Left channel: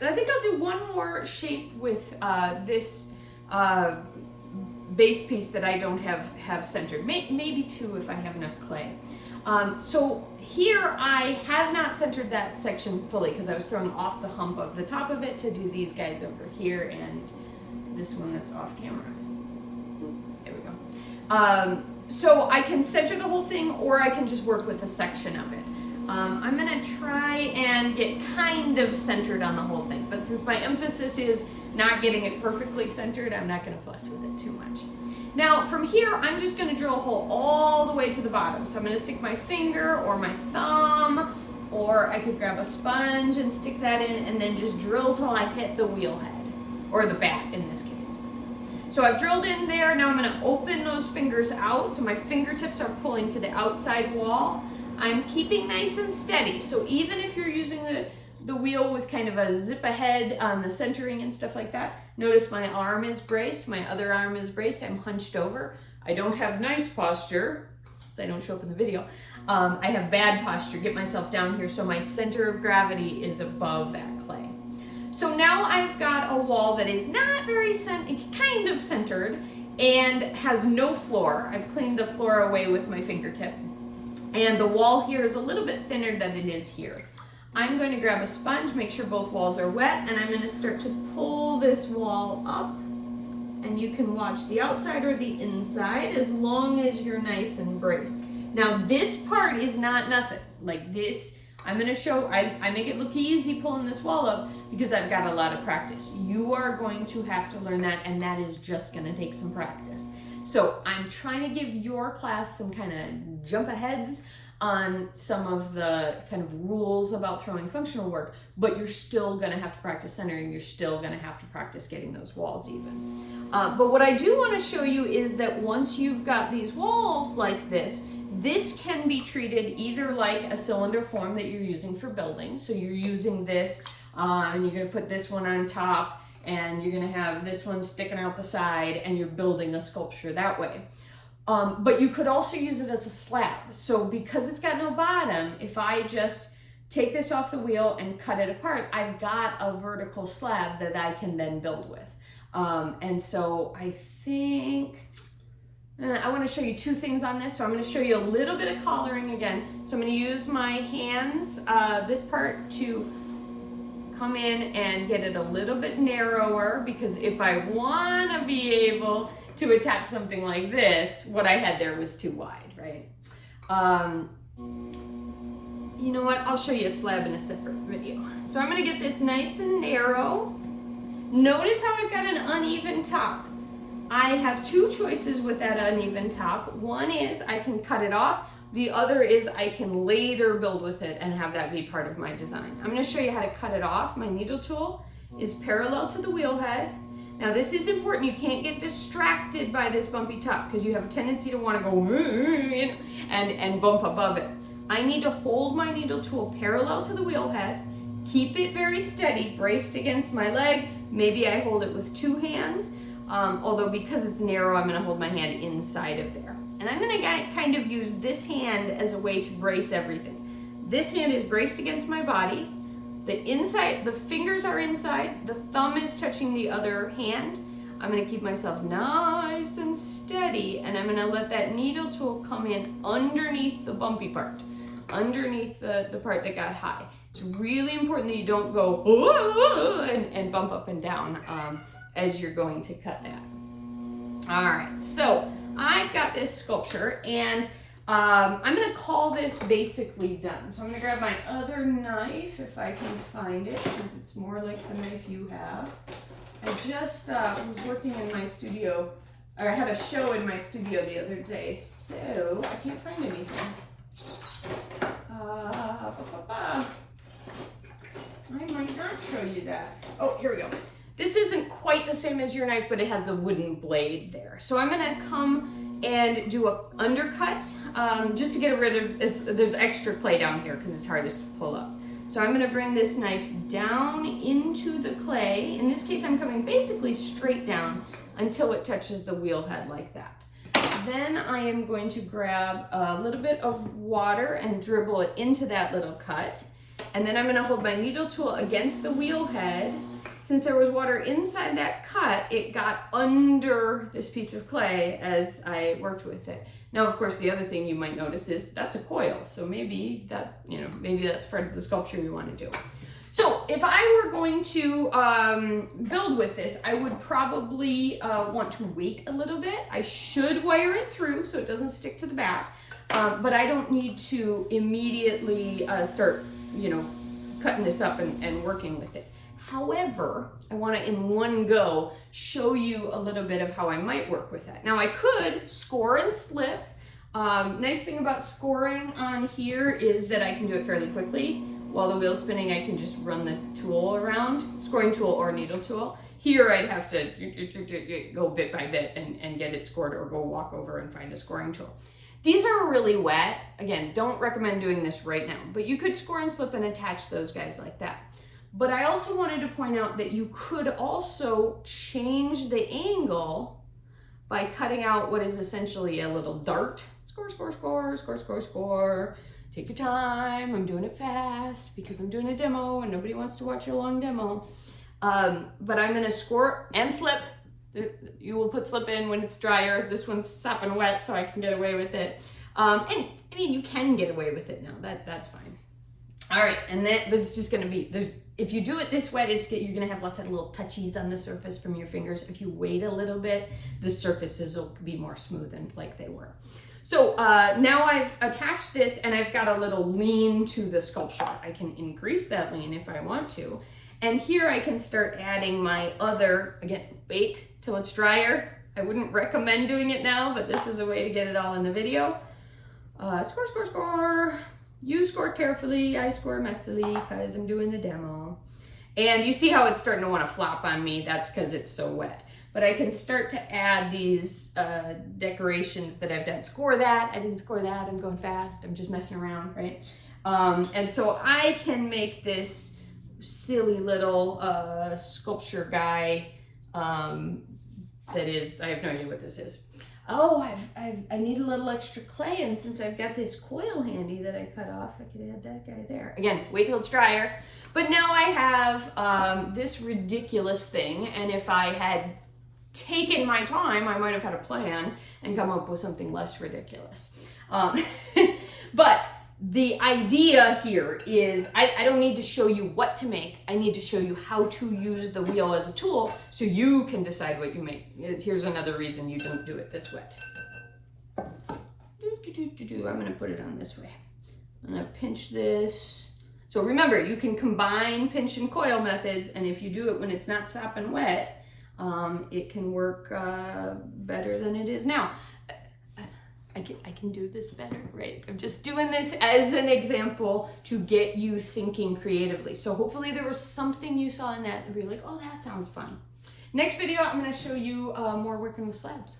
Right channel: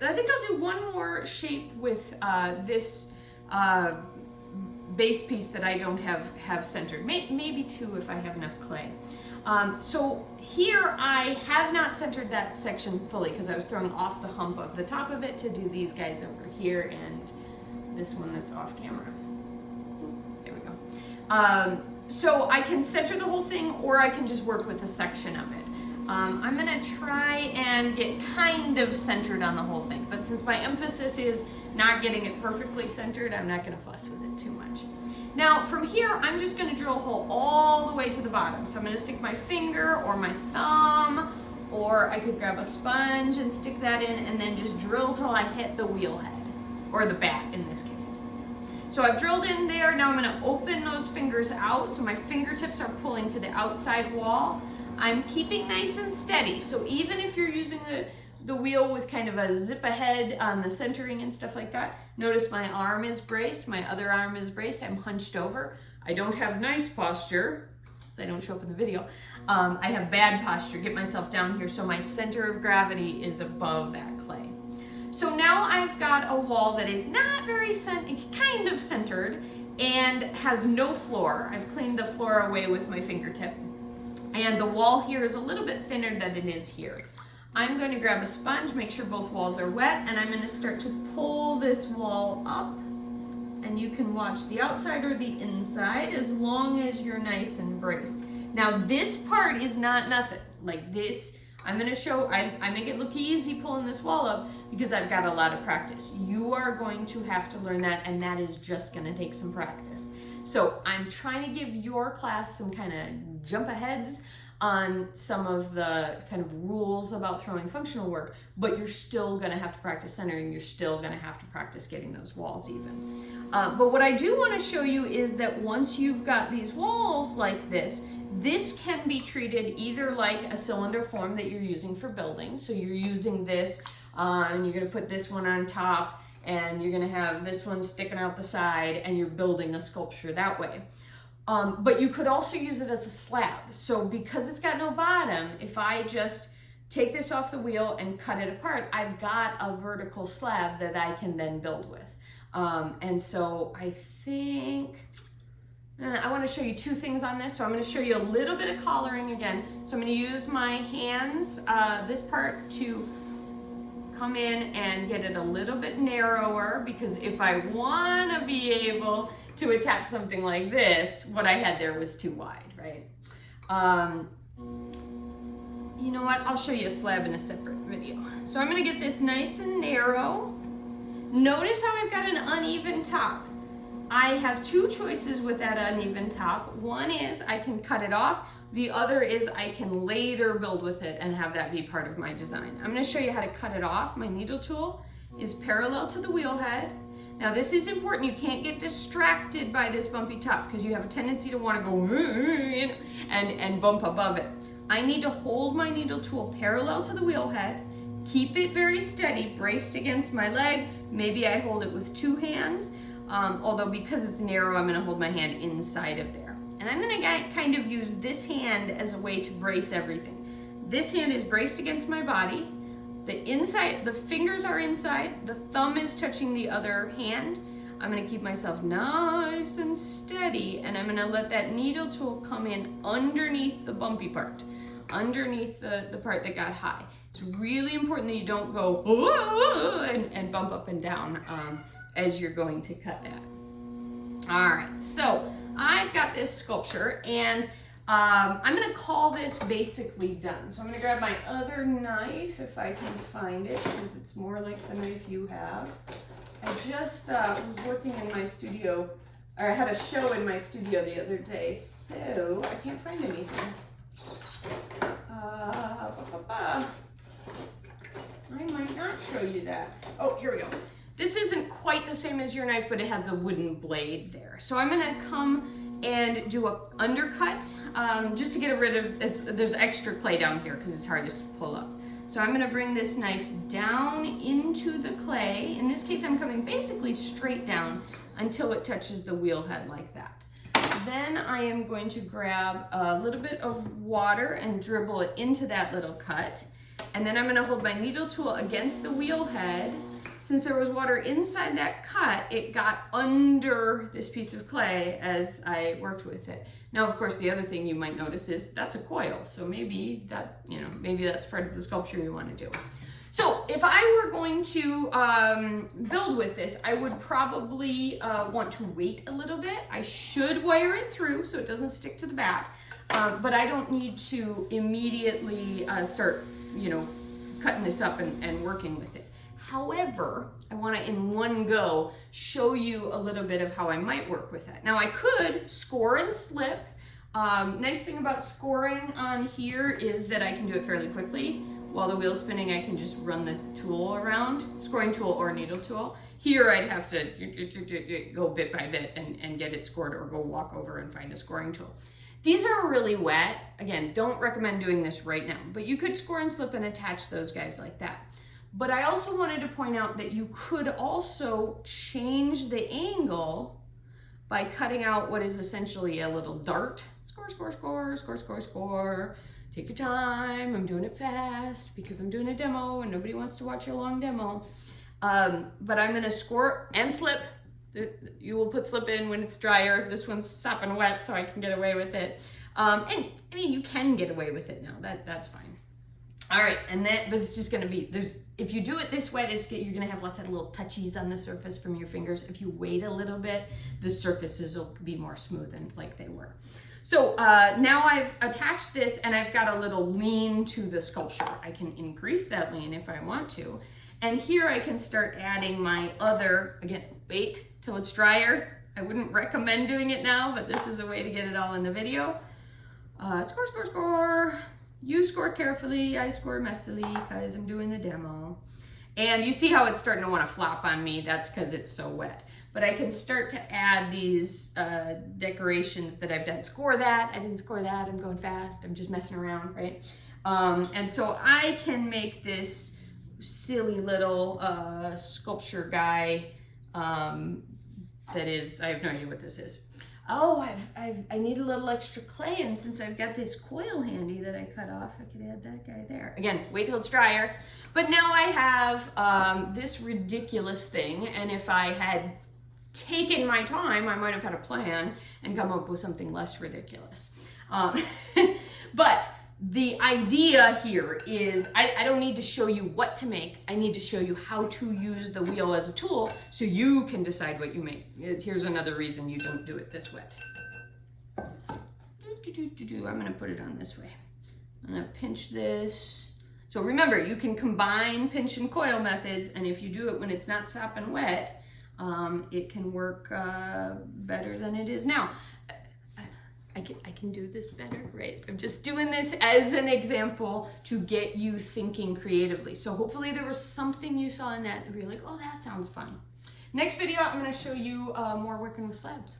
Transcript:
I think I'll do one more shape with this base piece that I don't have centered. Maybe two if I have enough clay. So here I have not centered that section fully because I was throwing off the hump of the top of it to do these guys over here and this one that's off camera. There we go. So I can center the whole thing or I can just work with a section of it. I'm gonna try and get kind of centered on the whole thing, but since my emphasis is not getting it perfectly centered, I'm not gonna fuss with it too much. Now from here, I'm just gonna drill a hole all the way to the bottom. So I'm gonna stick my finger or my thumb, or I could grab a sponge and stick that in and then just drill till I hit the wheel head, or the bat in this case. So I've drilled in there, now I'm gonna open those fingers out so my fingertips are pulling to the outside wall. I'm keeping nice and steady, so even if you're using the wheel with kind of a zip ahead on the centering and stuff like that, notice my arm is braced, my other arm is braced, I'm hunched over. I don't have nice posture, I don't show up in the video. I have bad posture, get myself down here so my center of gravity is above that clay. So now I've got a wall that is not very kind of centered and has no floor. I've cleaned the floor away with my fingertip. And the wall here is a little bit thinner than it is here. I'm going to grab a sponge, make sure both walls are wet, and I'm going to start to pull this wall up. And you can watch the outside or the inside as long as you're nice and braced. Now this part is not nothing. Like this, I'm going to show, I make it look easy pulling this wall up because I've got a lot of practice. You are going to have to learn that, and that is just going to take some practice. So I'm trying to give your class some kind of jump aheads on some of the kind of rules about throwing functional work, but you're still gonna have to practice centering, you're still gonna have to practice getting those walls even. But what I do wanna show you is that once you've got these walls like this can be treated either like a cylinder form that you're using for building. So you're using this and you're gonna put this one on top and you're gonna have this one sticking out the side and you're building a sculpture that way. But you could also use it as a slab. So because it's got no bottom, if I just take this off the wheel and cut it apart, I've got a vertical slab that I can then build with. And so I think, I wanna show you two things on this. So I'm gonna show you a little bit of collaring again. So I'm gonna use my hands, this part to come in and get it a little bit narrower, because if I want to be able to attach something like this, what I had there was too wide, right? You know what? I'll show you a slab in a separate video. So I'm going to get this nice and narrow. Notice how I've got an uneven top. I have two choices with that uneven top. One is I can cut it off. The other is I can later build with it and have that be part of my design. I'm going to show you how to cut it off. My needle tool is parallel to the wheel head. Now this is important. You can't get distracted by this bumpy top because you have a tendency to want to go and bump above it. I need to hold my needle tool parallel to the wheel head, keep it very steady, braced against my leg. Maybe I hold it with two hands, although because it's narrow, I'm going to hold my hand inside of there. And I'm gonna kind of use this hand as a way to brace everything. This hand is braced against my body. The fingers are inside, the thumb is touching the other hand. I'm gonna keep myself nice and steady, and I'm gonna let that needle tool come in underneath the bumpy part, underneath the part that got high. It's really important that you don't go and bump up and down as you're going to cut that. All right, so I've got this sculpture, and I'm gonna call this basically done. So I'm gonna grab my other knife, if I can find it, because it's more like the knife you have. I just was working in my studio, or I had a show in my studio the other day, so I can't find anything. I might not show you that. Oh, here we go. This isn't quite the same as your knife, but it has the wooden blade there. So I'm gonna come and do a undercut, just to get rid of, there's extra clay down here because it's hardest to pull up. So I'm gonna bring this knife down into the clay. In this case, I'm coming basically straight down until it touches the wheel head like that. Then I am going to grab a little bit of water and dribble it into that little cut. And then I'm gonna hold my needle tool against the wheel head. Since there was water inside that cut, it got under this piece of clay as I worked with it. Now, of course, the other thing you might notice is that's a coil. So maybe that, maybe that's part of the sculpture you want to do. So if I were going to build with this, I would probably want to wait a little bit. I should wire it through so it doesn't stick to the back, but I don't need to immediately start, cutting this up and working with it. However, I want to in one go show you a little bit of how I might work with that. Now I could score and slip. Nice thing about scoring on here is that I can do it fairly quickly. While the wheel's spinning, I can just run the tool around, scoring tool or needle tool. Here I'd have to go bit by bit and get it scored, or go walk over and find a scoring tool. These are really wet. Again, don't recommend doing this right now, but you could score and slip and attach those guys like that. But I also wanted to point out that you could also change the angle by cutting out what is essentially a little dart. Score, score, score, score, score, score. Take your time. I'm doing it fast because I'm doing a demo and nobody wants to watch a long demo. But I'm gonna score and slip. You will put slip in when it's drier. This one's sopping wet, so I can get away with it. And I mean, you can get away with it now. That's fine. All right, but it's just gonna be, if you do it this wet, you're gonna have lots of little touchies on the surface from your fingers. If you wait a little bit, the surfaces will be more smooth and like they were. So now I've attached this and I've got a little lean to the sculpture. I can increase that lean if I want to. And here I can start adding my other, again, wait till it's drier. I wouldn't recommend doing it now, but this is a way to get it all in the video. Score, score, score. You score carefully, I score messily because I'm doing the demo. And you see how it's starting to want to flop on me. That's because it's so wet. But I can start to add these decorations that I've done. Score that, I didn't score that, I'm going fast, I'm just messing around, right? And so I can make this silly little sculpture guy that is, I have no idea what this is. Oh, I need a little extra clay, and since I've got this coil handy that I cut off, I could add that guy there. Again, wait till it's drier. But now I have this ridiculous thing, and if I had taken my time, I might have had a plan and come up with something less ridiculous. But the idea here is I don't need to show you what to make. I need to show you how to use the wheel as a tool so you can decide what you make. Here's another reason you don't do it this wet. I'm gonna put it on this way. I'm gonna pinch this. So remember, you can combine pinch and coil methods, and if you do it when it's not sopping wet, it can work better than it is now. I can do this better, right? I'm just doing this as an example to get you thinking creatively. So hopefully there was something you saw in that where you're like, oh, that sounds fun. Next video, I'm gonna show you more working with slabs.